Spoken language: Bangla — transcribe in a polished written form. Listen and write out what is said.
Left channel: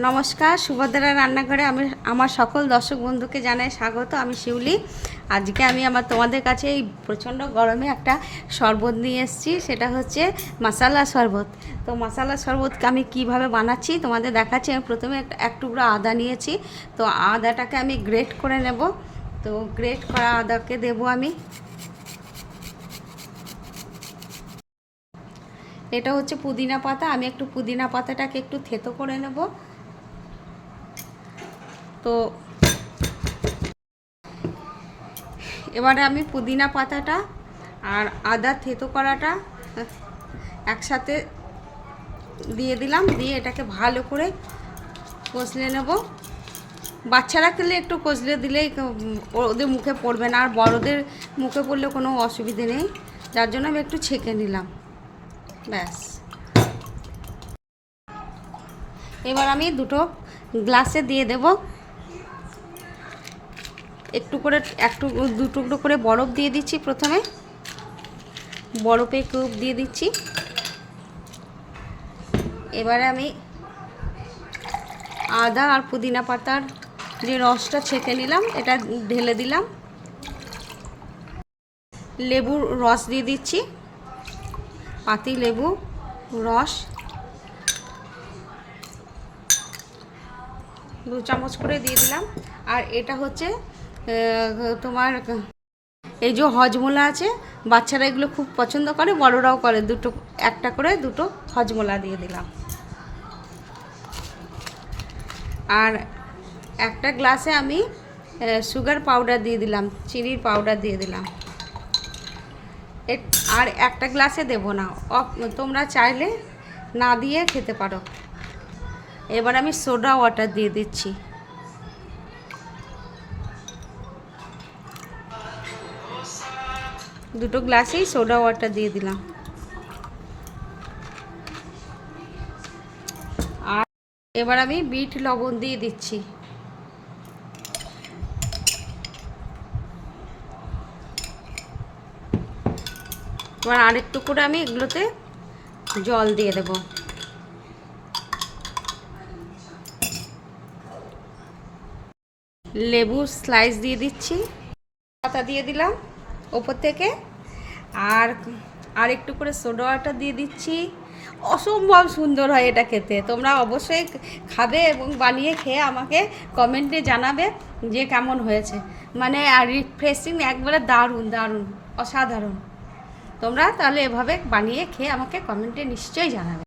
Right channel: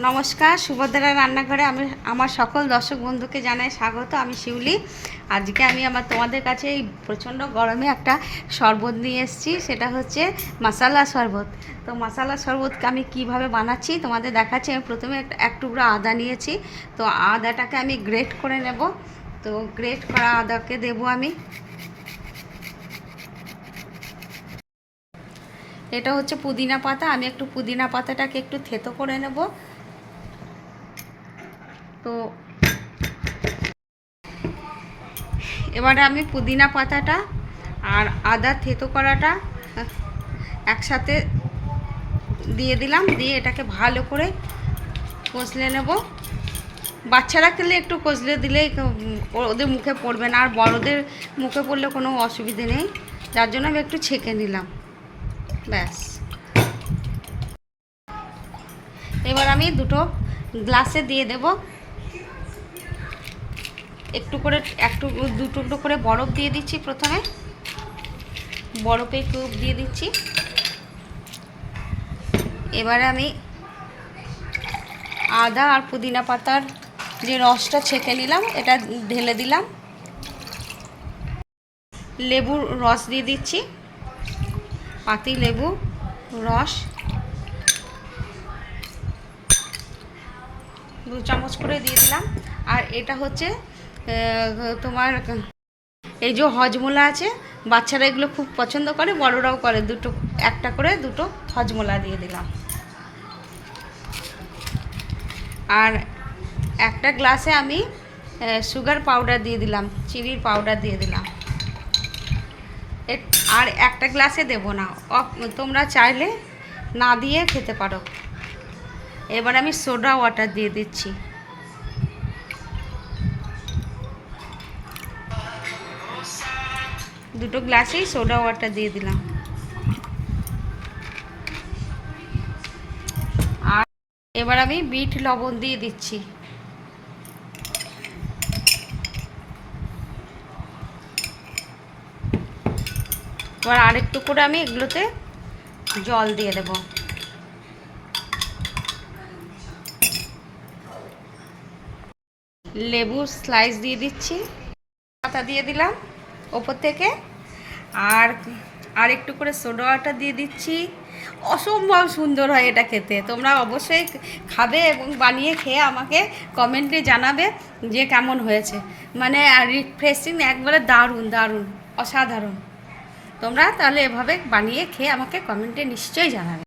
নমস্কার, সুভদ্রা রান্নাঘরে আমি আমার সকল দর্শক বন্ধুকে জানাই স্বাগত। আমি শিউলি। আজকে আমি তোমাদের কাছে এই প্রচণ্ড গরমে একটা শরবত নিয়ে এসেছি, সেটা হচ্ছে মশালা শরবত। তো মশালা শরবতকে আমি কিভাবে বানাচ্ছি তোমাদের দেখাচ্ছি। আমি প্রথমে এক টুকরো আদা নিয়েছি, তো আদাটাকে আমি গ্রেট করে নেব। তো গ্রেট করা আদাকে দেবো আমি। এটা হচ্ছে পুদিনা পাতা, আমি একটু পুদিনা পাতাটাকে একটু থেতো করে নেব। তো এবারে আমি পুদিনা পাতাটা আর আদা থেতো করাটা একসাথে দিয়ে দিলাম, দিয়ে এটাকে ভালো করে কষলে নেব। বাচ্চারা খেলে একটু কষলে দিলেই ওদের মুখে পড়বে না, আর বড়দের মুখে পড়লে কোনো অসুবিধে নেই, যার জন্য আমি একটু ছেঁকে নিলাম। ব্যাস, এবার আমি দুটো গ্লাসে দিয়ে দেব। দু টুকরো করে বরফ দিয়ে দিচ্ছি। প্রথমে বরফে কিউব দিয়ে দিচ্ছি। এবারে আমি আদা আর পুদিনা পাতার যে রসটা ছেঁকে নিলাম এটা ঢেলে দিলাম। লেবুর রস দিয়ে দিচ্ছি, পাতি লেবু রস 2 চামচ করে দিয়ে দিলাম। আর এটা হচ্ছে তোমার এই যে হজমোলা আছে, বাচ্চারা এগুলো খুব পছন্দ করে, বড়রাও করে। একটা করে দুটো হজমোলা দিয়ে দিলাম। আর একটা গ্লাসে আমি সুগার পাউডার দিয়ে দিলাম, চিনির পাউডার দিয়ে দিলাম। আর একটা গ্লাসে দেবো না, তোমরা চাইলে না দিয়ে খেতে পারো। এবার আমি সোডা ওয়াটার দিয়ে দিচ্ছি। দুটো গ্লাসেই সোডা ওয়াটার দিয়ে দিলাম। আর এবার আমি বিট লবণ দিয়ে দিচ্ছি। এবার আরেকটু করে আমি এগুলোতে জল দিয়ে দেব। লেবু স্লাইস দিয়ে দিচ্ছি, পাতা দিয়ে দিলাম ওপর থেকে। আর একটু করে সোডা ওয়াটার দিয়ে দিচ্ছি। অসম্ভব সুন্দর হয় এটা খেতে। তোমরা অবশ্যই খাবে এবং বানিয়ে খেয়ে আমাকে কমেন্টে জানাবে যে কেমন হয়েছে। মানে রিফ্রেশিং, একবারে দারুণ দারুণ অসাধারণ। তোমরা তাহলে এভাবে বানিয়ে খেয়ে আমাকে কমেন্টে নিশ্চয়ই জানাবে।